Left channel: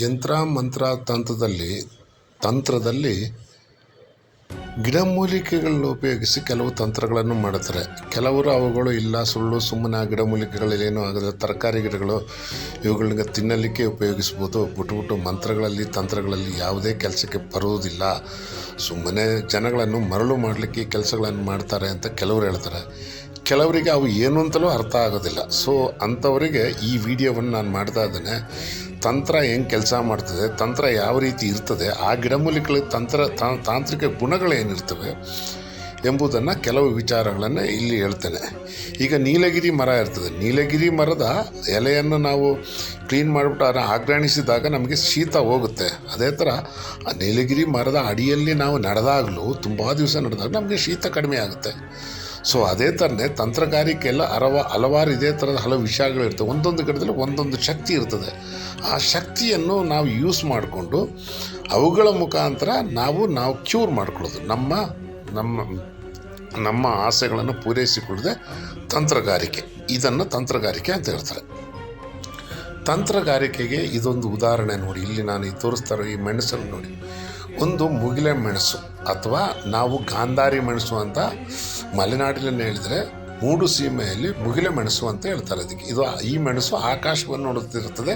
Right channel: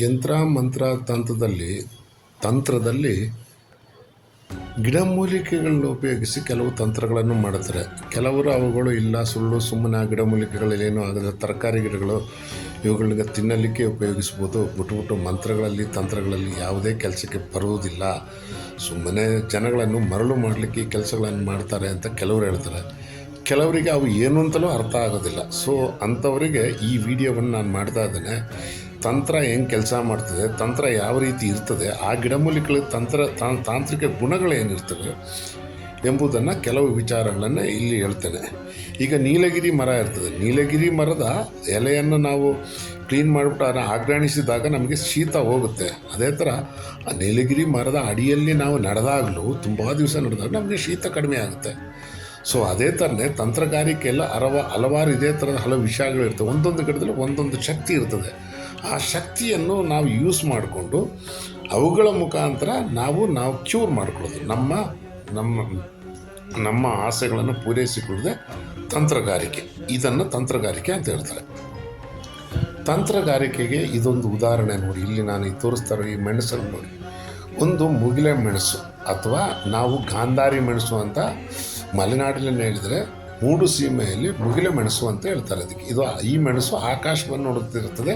ಯಂತ್ರ ಮಂತ್ರ ತಂತ್ರದಲ್ಲಿ ತಂತ್ರದಲ್ಲಿ ಗಿಡಮೂಲಿಕೆಗಳನ್ನ ಉಪಯೋಗಿಸಿ ಕೆಲವು ತಂತ್ರಗಳನ್ನು ಮಾಡುತ್ತಾರೆ. ಕೆಲವರು ಅವುಗಳು ಇಲ್ಲ, ಸುಳ್ಳು, ಸುಮ್ಮನೆ ಆ ಗಿಡಮೂಲಿಕೆಗಳೇನು ಆಗದ ತರಕಾರಿ ಗಿಡಗಳು ಇವುಗಳಿಗೆ ತಿನ್ನಲಿಕ್ಕೆ ಉಪಯೋಗಿಸ್ಬೋದು. ಬಿಟ್ಟು ಮಂತ್ರಗಳಲ್ಲಿ, ತಂತ್ರಗಳಲ್ಲಿ ಯಾವುದೇ ಕೆಲಸಕ್ಕೆ ಬರುವುದಿಲ್ಲ. ಸುಮ್ಮನೆ ಜನಗಳನ್ನು ಮರಳು ಮಾಡಲಿಕ್ಕೆ ಕೆಲಸಗಳನ್ನು ಮಾಡ್ತಾರೆ ಅಂತ ಕೆಲವರು ಹೇಳ್ತಾರೆ. ಕೆಲವರಿಗೆ ಅವು ಏನು ಅಂತಲೂ ಅರ್ಥ ಆಗೋದಿಲ್ಲ. ಸೊ ಅಂಥವರಿಗೆ ಈ ವಿಡಿಯೋವನ್ನು ನಾನು ಮಾಡ್ತಾ ಇದ್ದೇನೆ. ತಂತ್ರ ಏನು ಕೆಲಸ ಮಾಡ್ತದೆ, ತಂತ್ರ ಯಾವ ರೀತಿ ಇರ್ತದೆ, ಆ ಗಿಡಮೂಲಿಕೆಗಳ ತಂತ್ರ ತಾಂತ್ರಿಕ ಗುಣಗಳೇನಿರ್ತವೆ ಎಂಬುದನ್ನು ಕೆಲವು ವಿಚಾರಗಳನ್ನು ಇಲ್ಲಿ ಹೇಳ್ತೇನೆ. ಈಗ ನೀಲಗಿರಿ ಮರ ಇರ್ತದೆ. ನೀಲಗಿರಿ ಮರದ ಎಲೆಯನ್ನು ನಾವು ಕ್ಲೀನ್ ಮಾಡಿಬಿಟ್ಟು ಅದನ್ನು ಆಗ್ರಾಣಿಸಿದಾಗ ನಮಗೆ ಶೀತ ಹೋಗುತ್ತೆ. ಅದೇ ಥರ ಆ ನೀಲಗಿರಿ ಮರದ ಅಡಿಯಲ್ಲಿ ನಾವು ನಡೆದಾಗಲೂ ತುಂಬ ದಿವಸ ನಡೆದಾಗ ನಮಗೆ ಶೀತ ಕಡಿಮೆ ಆಗುತ್ತೆ. ಸೊ ಅದೇ ಥರನೇ ತಂತ್ರಗಾರಿಕೆಯಲ್ಲ ಹಲವ ಹಲವಾರು ಇದೇ ಥರದ ಹಲವು ವಿಷಯಗಳಿರ್ತವೆ ಒಂದೊಂದು ಗಿಡದಲ್ಲಿ ಒಂದೊಂದು ಶಕ್ತಿ ಇರ್ತದೆ. ಆ ಶಕ್ತಿಯನ್ನು ನಾವು ಯೂಸ್ ಮಾಡಿಕೊಂಡು ಅವುಗಳ ಮುಖಾಂತರ ನಾವು ನಾವು ಕ್ಯೂರ್ ಮಾಡಿಕೊಳ್ಳೋದು. ನಮ್ಮ ನಮ್ಮ ನಮ್ಮ ಆಸೆಗಳನ್ನು ಪೂರೈಸಿಕೊಡದೆ ತಂತ್ರಗಾರಿಕೆ. ಇದನ್ನು ತಂತ್ರಗಾರಿಕೆ ಅಂತ ಹೇಳ್ತಾರೆ. ತಂತ್ರಗಾರಿಕೆಗೆ ಇದೊಂದು ಉದಾಹರಣೆ ನೋಡಿ. ಇಲ್ಲಿ ನಾನು ಈ ತೋರಿಸ್ತಾರೋ ಈ ಮೆಣಸನ್ನು ನೋಡಿ. ಒಂದು ಮುಗಿಲೆ ಮೆಣಸು ಅಥವಾ ನಾವು ಗಾಂಧಾರಿ ಮೆಣಸು ಅಂತ ಮಲೆನಾಡಿನಲ್ಲಿ ಹೇಳಿದರೆ ಮೂಡು ಸೀಮೆಯಲ್ಲಿ ಮುಗಿಲೆ ಮೆಣಸು ಅಂತ ಹೇಳ್ತಾರೆ ಅದಕ್ಕೆ. ಇದು ಈ ಮೆಣಸು ಆಕಾಶವನ್ನು ನೋಡುತ್ತಿರುತ್ತದೆ.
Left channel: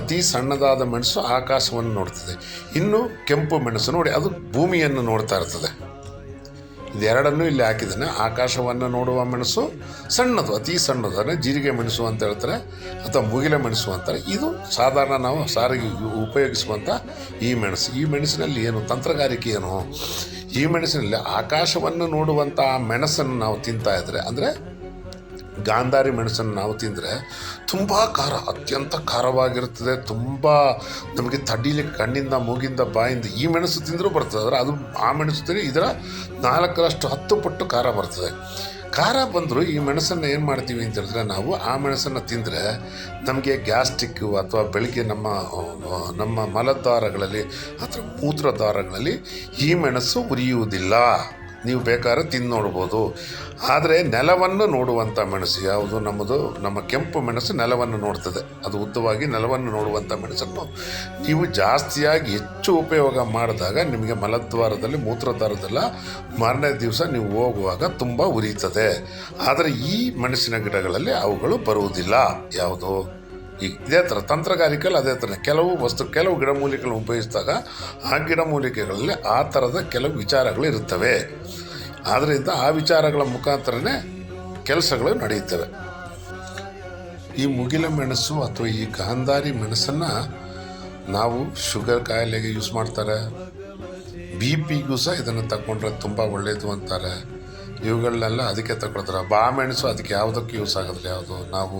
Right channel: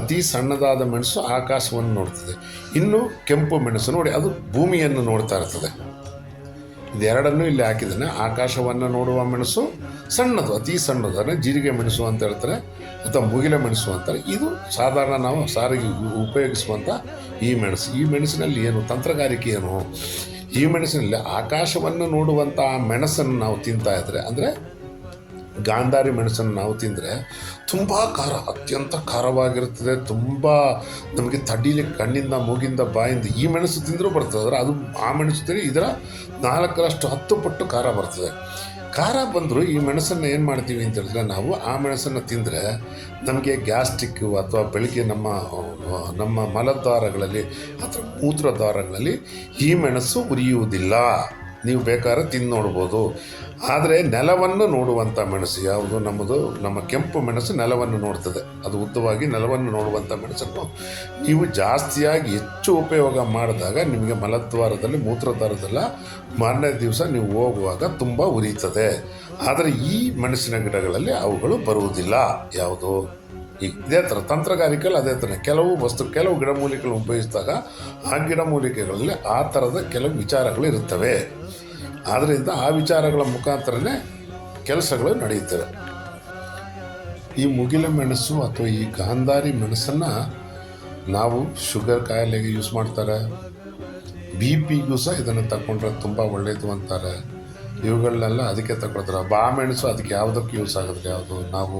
ಅತಿ ಸಣ್ಣದಾದ ಮೆಣಸು ಆಕಾಶವನ್ನು ನೋಡ್ತದೆ ಇನ್ನು ಕೆಂಪು ಮೆಣಸು ನೋಡಿ, ಅದು ಭೂಮಿಯನ್ನು ನೋಡ್ತಾ ಇರ್ತದೆ. ಇದೆರಡನ್ನೂ ಇಲ್ಲಿ ಹಾಕಿದ್ದಾನೆ. ಆಕಾಶವನ್ನು ನೋಡುವ ಮೆಣಸು ಸಣ್ಣದು, ಅತಿ ಸಣ್ಣದು ಜೀರಿಗೆ ಮೆಣಸು ಅಂತ ಹೇಳ್ತಾರೆ, ಅಥವಾ ಮುಗಿಲ ಮೆಣಸು ಅಂತಾರೆ ಇದು ಸಾಧಾರಣ ನಾವು ಸಾರಿಗೆ ಉಪಯೋಗಿಸುವಂಥ ಈ ಮೆಣಸು. ಈ ಮೆಣಸಿನಲ್ಲಿ ಏನು, ತಂತ್ರಗಾರಿಕೆ ಏನು? ಈ ಮೆಣಸಿನಲ್ಲಿ ಆಕಾಶವನ್ನು ನೋಡುವಂಥ ಮೆಣಸನ್ನು ನಾವು ತಿಂತಾ ಇದ್ರೆ, ಅಂದರೆ ಗಾಂಧಾರಿ ಮೆಣಸನ್ನು ನಾವು ತಿಂದರೆ ತುಂಬ ಖಾರ, ಅತ್ಯಂತ ಖಾರವಾಗಿರುತ್ತದೆ. ತುಂಬ ನಮಗೆ ತಡೀಲಿ ಕಣ್ಣಿಂದ, ಮೂಗಿಂದ, ಬಾಯಿಂದ ಈ ಮೆಣಸು ತಿಂದರೂ ಬರ್ತದೆ. ಆದರೆ ಅದು ಆ ಮೆಣಸು ತಿಂದರೆ ಇದರ ನಾಲ್ಕರಷ್ಟು ಹತ್ತು ಪಟ್ಟು ಖಾರ ಬರ್ತದೆ. ಖಾರ ಬಂದರೂ ಈ ಮೆಣಸನ್ನು ಏನು ಮಾಡ್ತೀವಿ ಅಂತ ಹೇಳಿದ್ರೆ ನಾವು ಆ ಮೆಣಸನ್ನು ತಿಂದರೆ ನಮಗೆ ಗ್ಯಾಸ್ಟಿಕ್ಕು ಅಥವಾ ಬೆಳಗ್ಗೆ ನಮ್ಮ ನಮ್ಮ ಮಲದ್ವಾರಗಳಲ್ಲಿ ಅಥವಾ ಮೂತ್ರದ್ವಾರಗಳಲ್ಲಿ ಈ ಮೆಣಸು ಉರಿಯುವುದಿಲ್ಲ. ನೀವು ಬೇಕಾದ್ರೆ ತಿಂದು ನೋಡ್ಬೋದು. ಆದರೆ ನೆಲವನ್ನು ನೋಡುವಂಥ ಮೆಣಸು ಯಾವುದು? ನಮ್ಮದು, ನಮ್ಮ ಕೆಂಪು ಮೆಣಸು ನೆಲವನ್ನು ನೋಡ್ತದೆ. ಅದು ಉದ್ದವಾಗಿ ನೆಲವನ್ನು ನೋಡುವಂಥ ಮೆಣಸನ್ನು ನೀವು ಜಾಸ್ತಿಯಾಗಿ ಹೆಚ್ಚು ಉಪಯೋಗ ಮಾಡಿದಾಗ ನಿಮಗೆ ಮಲದ್ವಾರದಲ್ಲಿ, ಮೂತ್ರದ್ವಾರದಲ್ಲ ಮಾರನೇ ದಿವಸ ನೀವು ಹೋಗುವಾಗ ತುಂಬ ಉರಿಯುತ್ತದೆ ಆದರೆ ಈ ಮೆಣಸಿನ ಗಿಡಗಳಲ್ಲಿ ಅವುಗಳು ಬರುವುದಿಲ್ಲ. ಯಾವುದು? ಈಗ ಇದೇ ಥರ ತಂತ್ರಗಾರಿಕೆಯಲ್ಲಿ ಅದೇ ಥರ ಕೆಲವು ವಸ್ತು, ಕೆಲವು ಗಿಡಮೂಲಿಕೆಗಳನ್ನು ಉಪಯೋಗಿಸಿದಾಗ ಆ ಗಿಡಮೂಲಿಕೆಗಳಲ್ಲಿ ಆ ಥರದ ಕೆಲವು ವಿಚಾರಗಳು ಇರುತ್ತವೆ. ಆದ್ದರಿಂದ ಆ ವಿಚಾರಗಳ ಮುಖಾಂತರನೇ ಕೆಲಸಗಳು ನಡೆಯುತ್ತವೆ. ಈ ಮುಗಿಲ ಮೆಣಸು ಅಥವಾ ಈ ಗಾಂಧಾರಿ ಮೆಣಸನ್ನು ನಾವು ಶುಗರ್ ಕಾಯಿಲೆಗೆ ಯೂಸ್ ಮಾಡ್ತಾರೆ. ಬಿ ಪಿಗೂ ಸಹ ಇದನ್ನು ತಗೊಂಡ್ರೆ ತುಂಬ ಒಳ್ಳೆಯದು ಅಂತಾರೆ. ಇವುಗಳನ್ನೆಲ್ಲ ಅದಕ್ಕೆ ತಗೊಳ್ತಾರೆ ಬಾ ಮೆಣಸು ಅದಕ್ಕೆ ಯಾವುದಕ್ಕೆ ಯೂಸ್ ಆಗೋದಿಲ್ಲ. ಯಾವುದು? ನಾವು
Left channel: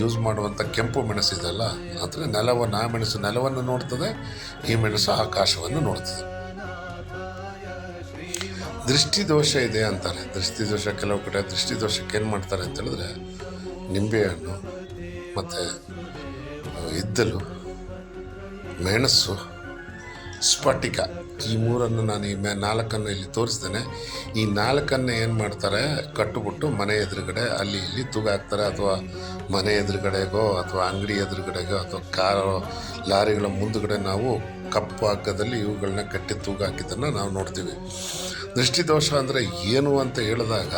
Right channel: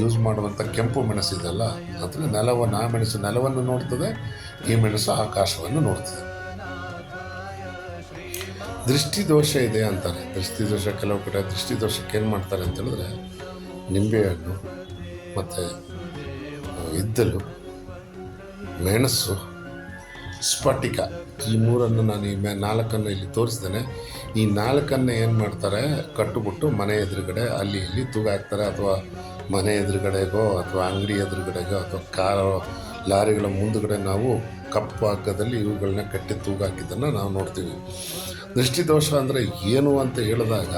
ಯೂಸ್ ಮಾಡುವಂಥ ಕೆಂಪು ಮೆಣಸು ಇದೆಲ್ಲ ಅಂದರೆ ನೆಲವನ್ನು ಆ ಮೆಣಸು ನೆಲವನ್ನು ನೋಡ್ತದೆ, ಈ ಮೆಣಸು ಆಕಾಶವನ್ನು ನೋಡ್ತದೆ. ದೃಷ್ಟಿ ದೋಷ ಇದೆ ಅಂತಾರೆ. ದೃಷ್ಟಿ ದೋಷ ಕೆಲವು ಕಡೆ ದೃಷ್ಟಿ ದೋಷಕ್ಕೆ ಏನು ಮಾಡ್ತಾರೆ ಅಂತ ಹೇಳಿದ್ರೆ, ನಿಂಬೆಹಣ್ಣು ಮತ್ತು ಇದ್ದಲು ಮೆಣಸು ಸ್ಫಟಿಕ. ಈ ಮೂರನ್ನು ನಾನು ಈ ನಾಲ್ಕನ್ನು ಇಲ್ಲಿ ತೋರಿಸ್ತೇನೆ ಈ ನಾಲ್ಕನ್ನು ಏನು ಮಾಡ್ತಾರೆ? ಕಟ್ಟುಬಿಟ್ಟು ಮನೆ ಎದುರುಗಡೆ, ಅಲ್ಲಿ ಇಲ್ಲಿ ತೂಗಾಕ್ತಾರೆ ಅಥವಾ ಮನೆ ಎದುರುಗಡೆಗೋ, ಅಥವಾ ಅಂಗಡಿ ಎದುರುಗಡೆಗೋ, ಅಥವಾ ಕಾರು ಲಾರಿಗಳ ಮುಂದುಗಡೆ ನಾವು ಕಪ್ಪು ಹಗ್ಗದಲ್ಲಿ ಇವುಗಳನ್ನ ಕಟ್ಟಿ ತೂಗಾಕಿದ್ದನ್ನು ನಾವು ನೋಡ್ತೀವಿ. ದೃಷ್ಟಿದೋಷ ಅಂದರೆ ಏನು ಅಂತ ಹೇಳಿದಾಗ,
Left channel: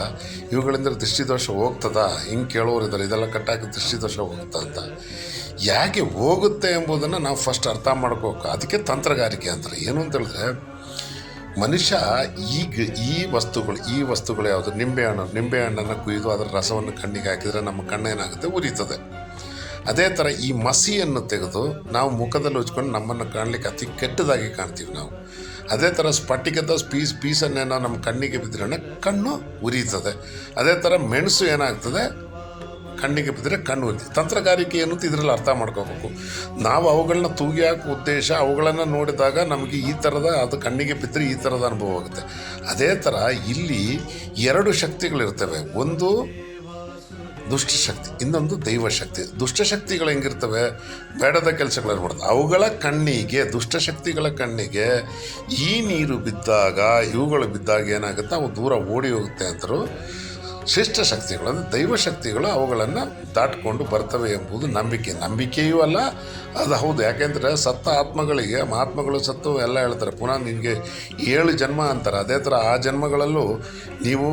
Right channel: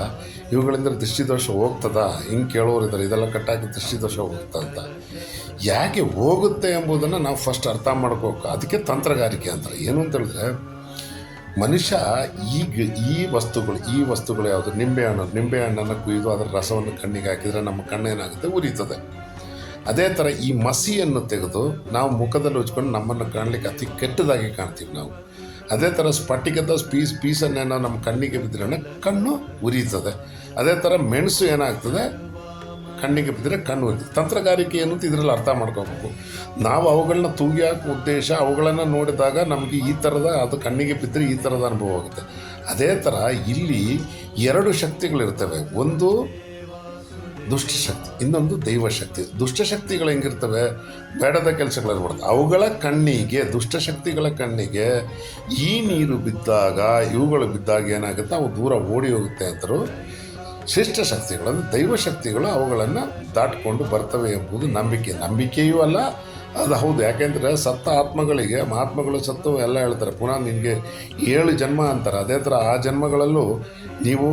ಇವುಗಳಿಂದ ದೃಷ್ಟಿದೋಷ ಹೋಗ್ತದಾ? ಹಿಂಗೆ ಕೇಳೋರು ಇದ್ದಾರೆ ಇದೆಲ್ಲ ಕಟ್ಟಾಕಿ ದೃಷ್ಟಿದೋಷ ಹೋಗ್ತಾ ಅಂತ. ಯಾಕೆ ಹೋಗುತ್ತೆ ಎಂಬುದನ್ನು ನಾವು ಫಸ್ಟ್ ಅರ್ಥ ಮಾಡ್ಕೋಬೇಕು ಅದಕ್ಕೆ ತಂತ್ರಗಾರಿಕೆ ಅಂತಾರೆ ಏನು ಅಂತ ಹೇಳಿದ್ರೆ ಮನುಷ್ಯ ಈಗ ಈ ವಸ್ತುಗಳು ಈ ವಸ್ತುಗಳು ಯಾವುದು? ನಿಂಬೆಹಣ್ಣು ನಿಂಬೆಹಣ್ಣನ್ನು ಕುಯ್ದು ಅದರ ರಸವನ್ನು ಕಣ್ಣಿಗೆ ಹಾಕಿದರೆ ನಮ್ಮ ಕಣ್ಣು ಏನಾಗುತ್ತೆ? ಉರಿತದೆ. ಅದೇ ಥರ ಈ ಮಸಿಯನ್ನು ತೆಗೆದು ನಾವು ಮುಖದಲ್ಲಿ ಹಚ್ಕೊಂಡು ನಮ್ಮನ್ನು ಕಾಣಲಿಕ್ಕೆ ಅತಿ ಕೆಟ್ಟದಾಗಿ ಕಾಣ್ತೀವಿ ನಾವು. ಅದೇ ಥರ ಸ್ಫಟಿಕದ ಪೀಸ್ ಪೀಸನ್ನೇನೋ ನಮ್ಮ ಕಣ್ಣಿಗೆ ಬಿದ್ದರೆ ಕಣ್ಣು ಉರಿಯುತ್ತದೆ ಅದೇ ಥರ ಮೆಣಸು ಏನಾಗ್ತದೆ? ಕಣ್ಣಿಗೆ ಬಿದ್ದರೆ ಕಣ್ಣು ಒದ್ದಿ ತಂತ್ರಗಾರಿಕೆ ಏನು ಅಂತ ಇದರಲ್ಲಿ ಅರ್ಥ ಮಾಡ್ಕೋಬೇಕು. ನಾವು ಅವುಗಳನ್ನ ತೂಗಿ ಹಾಕೋ ಉದ್ದೇಶ, ಅವುಗಳನ್ನು ನೋಡಿದಾಗ ನಮಗೆ ಈ ಥರದ ಅದು ಕಣ್ಣಿಗೆ ಬಿದ್ದರೆ ಈ ಥರದ ಅನುಭವ ಆಗುತ್ತೆ. ಅದೇ ಥರ ಇಲ್ಲಿ ಎರಡು ಶಕ್ತಿಗಳಿರ್ತವೆ. ಒಂದು ದುಷ್ಟಶಕ್ತಿ ಇನ್ನೊಂದು ದೈವಶಕ್ತಿ ದುಷ್ಟಶಕ್ತಿಗಳು ಹೆಂಗಿರ್ತವೆ? ಬೇಡದ ಕೆಲಸಗಳನ್ನು ಮಾಡ್ತವೆ. ಅವುಗಳ ಕಣ್ಣಿಗೆ ದುಷ್ಟಶಕ್ತಿಗಳ ಕಣ್ಣಿಗೆ ಈ ನೀರು ಬಿದ್ದಾಗ, ಇವುಗಳು ಬಿದ್ದಾಗ ಏನಾಗುತ್ತೆ? ಅವು ದೂರ ಓಡಿ ಹೋಗುತ್ತೆ ಅಂತರು ಶಿಷ್ಟ ಶಕ್ತಿಗಳು ಅಂದರೆ ದೈವಶಕ್ತಿಗಳು ಅವುಗಳನ್ನು ದಾಟಿಕೊಂಡು ಬರ್ತವೆ ಎಂಬುದು ನಂಬಿಕೆ. ನಂಬಿಕೆಯೂ ಅಲ್ಲ, ಅದು ಹೌದು. ಯಾಕೆಂದರೆ ಸತ್ತ ಆತ್ಮಗಳಿಗೆ, ಮಹಾತ್ಮಗಳು ಸತ್ತು ಎಲ್ಲ ಹೇಳ್ತಾರೆ. ಪುನಃ ನಿಮಗೆ ಏಳು ಜನ್ಮ ಅಂತಾರೆ. ಅದೇ ಥರ ಆ ಜನ್ಮಗಳಲ್ಲೂ ನೀವು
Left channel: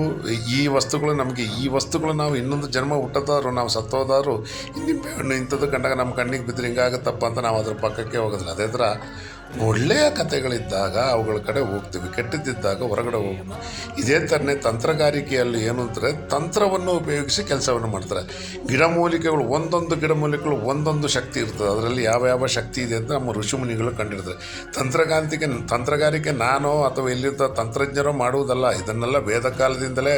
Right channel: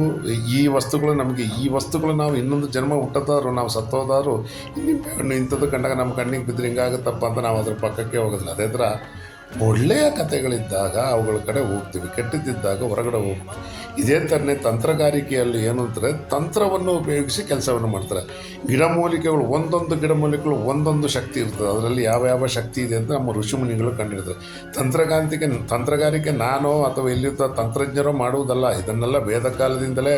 ಈ ವಸ್ತುಗಳು, ನಮಗೆ ಈ ವಸ್ತುಗಳು ನಾವು ಇನ್ನೊಂದು ಜನ್ಮ ಹುಟ್ಟೋದಾದ್ರು ನಾವು ಸತ್ತೋದಾದ್ರು ನಿಮ್ಮ ಇಂಥದ್ದು ಕಂಡಾಗ ನಮ್ಮ ಕಣ್ಣಿಗೆ ಬಿದ್ದರೆ ಹಿಂಗಾಗುತ್ತಪ್ಪ ಅಂತ ನಾವು ಅದ್ರ ಪಕ್ಕಕ್ಕೆ ಹೋಗೋದಿಲ್ಲ. ಅದೇ ಥರ ಒಳ್ಳೆಯ ಕಥೆಗಳಿದ್ದಾಗ ಅವುಗಳ ಕಡೆ ಹೋಗ್ತೀವಿ, ಕೆಟ್ಟದ್ದಿದ್ದಾಗ ಹೊರಗಡೆ ಹೋಗ್ತೀವಿ. ಇದೇ ಥರನೇ ತಂತ್ರಗಾರಿಕೆಯಲ್ಲಿ ಏನು ಅಂದರೆ ತಂತ್ರವನ್ನು ಉಪಯೋಗಿಸಿ ಕೆಲಸವನ್ನು ಮಾಡ್ತಾರೆ. ಗಿಡಮೂಲಿಕೆಗಳು ಒಂದೊಂದು ಗಿಡಮೂಲಿಕೆಗಳು ಒಂದೊಂದು ಶಕ್ತಿ ಇರ್ತದೆ. ಅದರಲ್ಲಿ ಯಾವ ಯಾವ ಶಕ್ತಿ ಇದೆ ಅಂತ ನಮ್ಮ ಋಷಿಮುನಿಗಳು ಕಂಡಿರ್ತಾರೆ. ತಂತ್ರಗಾಂತಿಕೆ, ತಂತ್ರಗಾರಿಕೆ ನಾನು ಅಥವಾ ಇಲ್ಲಿದ್ದ ತಂತ್ರಜ್ಞರು ಮಾಡುವುದಲ್ಲ, ಇದನ್ನೆಲ್ಲ ವೇದ ಕಾಲದಿಂದಲೇ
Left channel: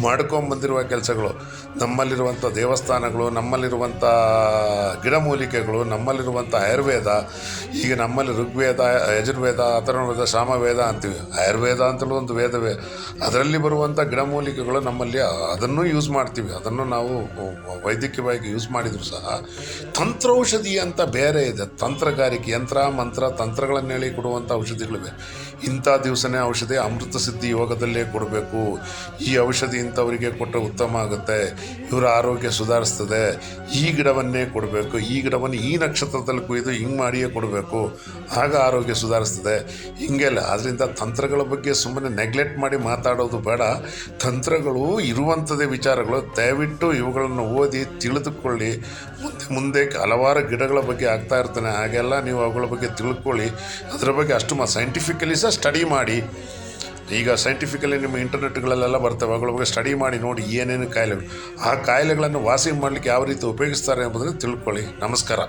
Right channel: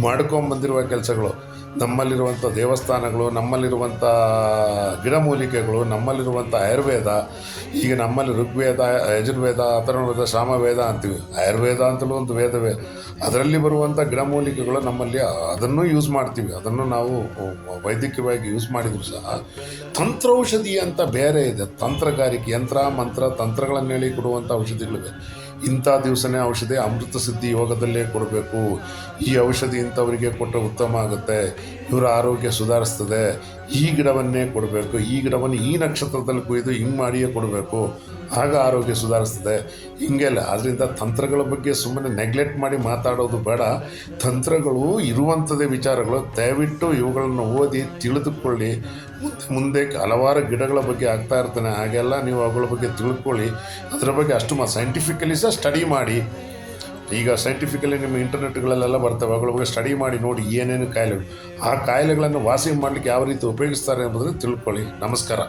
ಮಾಡ್ಕೊಂಬಂದಿರುವ ಕೆಲಸಗಳು. ನಮ್ಮಲ್ಲಿರುವಂಥ ದೇವಸ್ಥಾನಗಳು, ನಮ್ಮಲ್ಲಿರುವಂಥ ಗಿಡಮೂಲಿಕೆಗಳು ನಮ್ಮಲ್ಲಿರುವಂಥ ಆಯುರ್ವೇದ, ಈಗ ನಮ್ಮಲ್ಲಿ ಋಗ್ವೇದ ಯಜುರ್ವೇದ, ಅಥರ್ವವೇದ, ಸಾಮವೇದ ಅಂತೀವಿ. ಆಯುರ್ವೇದ ಅಂತಲೂ ಒಂದು ವೇದವೇ. ಅದರಲ್ಲಿ ಬರುವಂಥ ಗಿಡಮೂಲಿಕೆಗಳು ನಮ್ಮಲ್ಲಿ ಅದನ್ನು ಯೂಸ್ ಮಾಡ್ತೀವಿ. ಅದನ್ನು ನಾವು ವೈದ್ಯಕೀಯವಾಗಿ ಯೂಸ್ ಮಾಡಿದರೂ ಸಹ ತಂತ್ರೌಷಧಿ ಅಂತ ಬೇರೆ ಇದೆ. ತಂತ್ರಗಾರಿಕೆ ಯಂತ್ರ, ಮಂತ್ರ ತಂತ್ರಗಳನ್ನು ಹೇಳಿ ಕೊಡುವಂಥ ಔಷಧಿಗಳಿವೆ. ಇಂಥ ದಿವಸನೇ ಔಷಧಿ ಅಮೃತ ಸಿದ್ಧಿ ಯೋಗದಲ್ಲೇ ಕೊಡಬೇಕು. ಈ ಔಷಧಿ ಇಂಥವರಿಗೆ ಕೊಟ್ಟರೆ ಉತ್ತಮ ಆಗುತ್ತೆ. ಇವರ ಆರೋಗ್ಯ ಸುಧಾರಿಸ್ತದೆ. ಈ ಗಿಡವನ್ನೇ ಕೊಡಬೇಕು. ಈ ಗಿಡವನ್ನು ಈ ನಕ್ಷತ್ರದಲ್ಲಿ ಕುಯ್ದು ಹಿಂಗೆ ಮಾಡಿಯೇ ಕೊಡಬೇಕು. ಆಗ ಆರೋಗ್ಯ ಸುಧಾರಿಸ್ತದೆ. ಹಿಂಗೆಲ್ಲ ಅದರಿಂದ ತಂತ್ರಗಳ ಬಗ್ಗೆ ಸುಮ್ಮನೆ ನೆಗ್ಲೆಕ್ಟ್ ಮಾಡಿ ಮಾತಾಡೋದು ಬೇಡ. ತಂತ್ರಗಳು ಇರುವಂಥದ್ದೇ ವಿಚಾರಗಳು. ದಯವಿಟ್ಟು ಇವುಗಳನ್ನು ಓದಿ ತಿಳಿದುಕೊಳ್ಳಿ. ಮುಂದೆ ಮುಂದೆ ಹಲವಾರು ಗಿಡಗಳ ಬಗ್ಗೆ ಆಗ್ತಾ ಇರ್ತಾನೆ. ಹಾಗೆಲ್ಲ ನೀವು ಅವುಗಳ ಬಗ್ಗೆ ತಿಳ್ಕೊಳ್ಳಿ. ಅದರ ಬಗ್ಗೆ ಅಷ್ಟು ಮಾ ಸೈಂಟಿಫಿಕಲಿ ಸಹ ಸ್ಟಡಿ ಮಾಡಿ, ಈಗ ಸೈಂಟಿಫಿಕಲಿ ನಿಮ್ಮ ಇಂಟರ್ನೆಟ್ಗಳಲ್ಲೆಲ್ಲ ಬರ್ತವೆ, ಅವುಗಳ ಬಗ್ಗೆ ಸ್ಟಡಿ ಮಾಡಿ ನೋಡಿ ಏನೇನು ಕಾಯಿಲೆಗಳು ಆ ಕಾಯಿಲೆಗಳನ್ನು ವಾಸಿ ಮಾಡಲಿಕ್ಕೆ ಯಾವ ರೀತಿ ಉಪಯೋಗಿಸ್ತಾರೆ ಎಂಬುದನ್ನು ತಿಳ್ಕೊಳ್ಳಿ. ನಮಸ್ಕಾರ.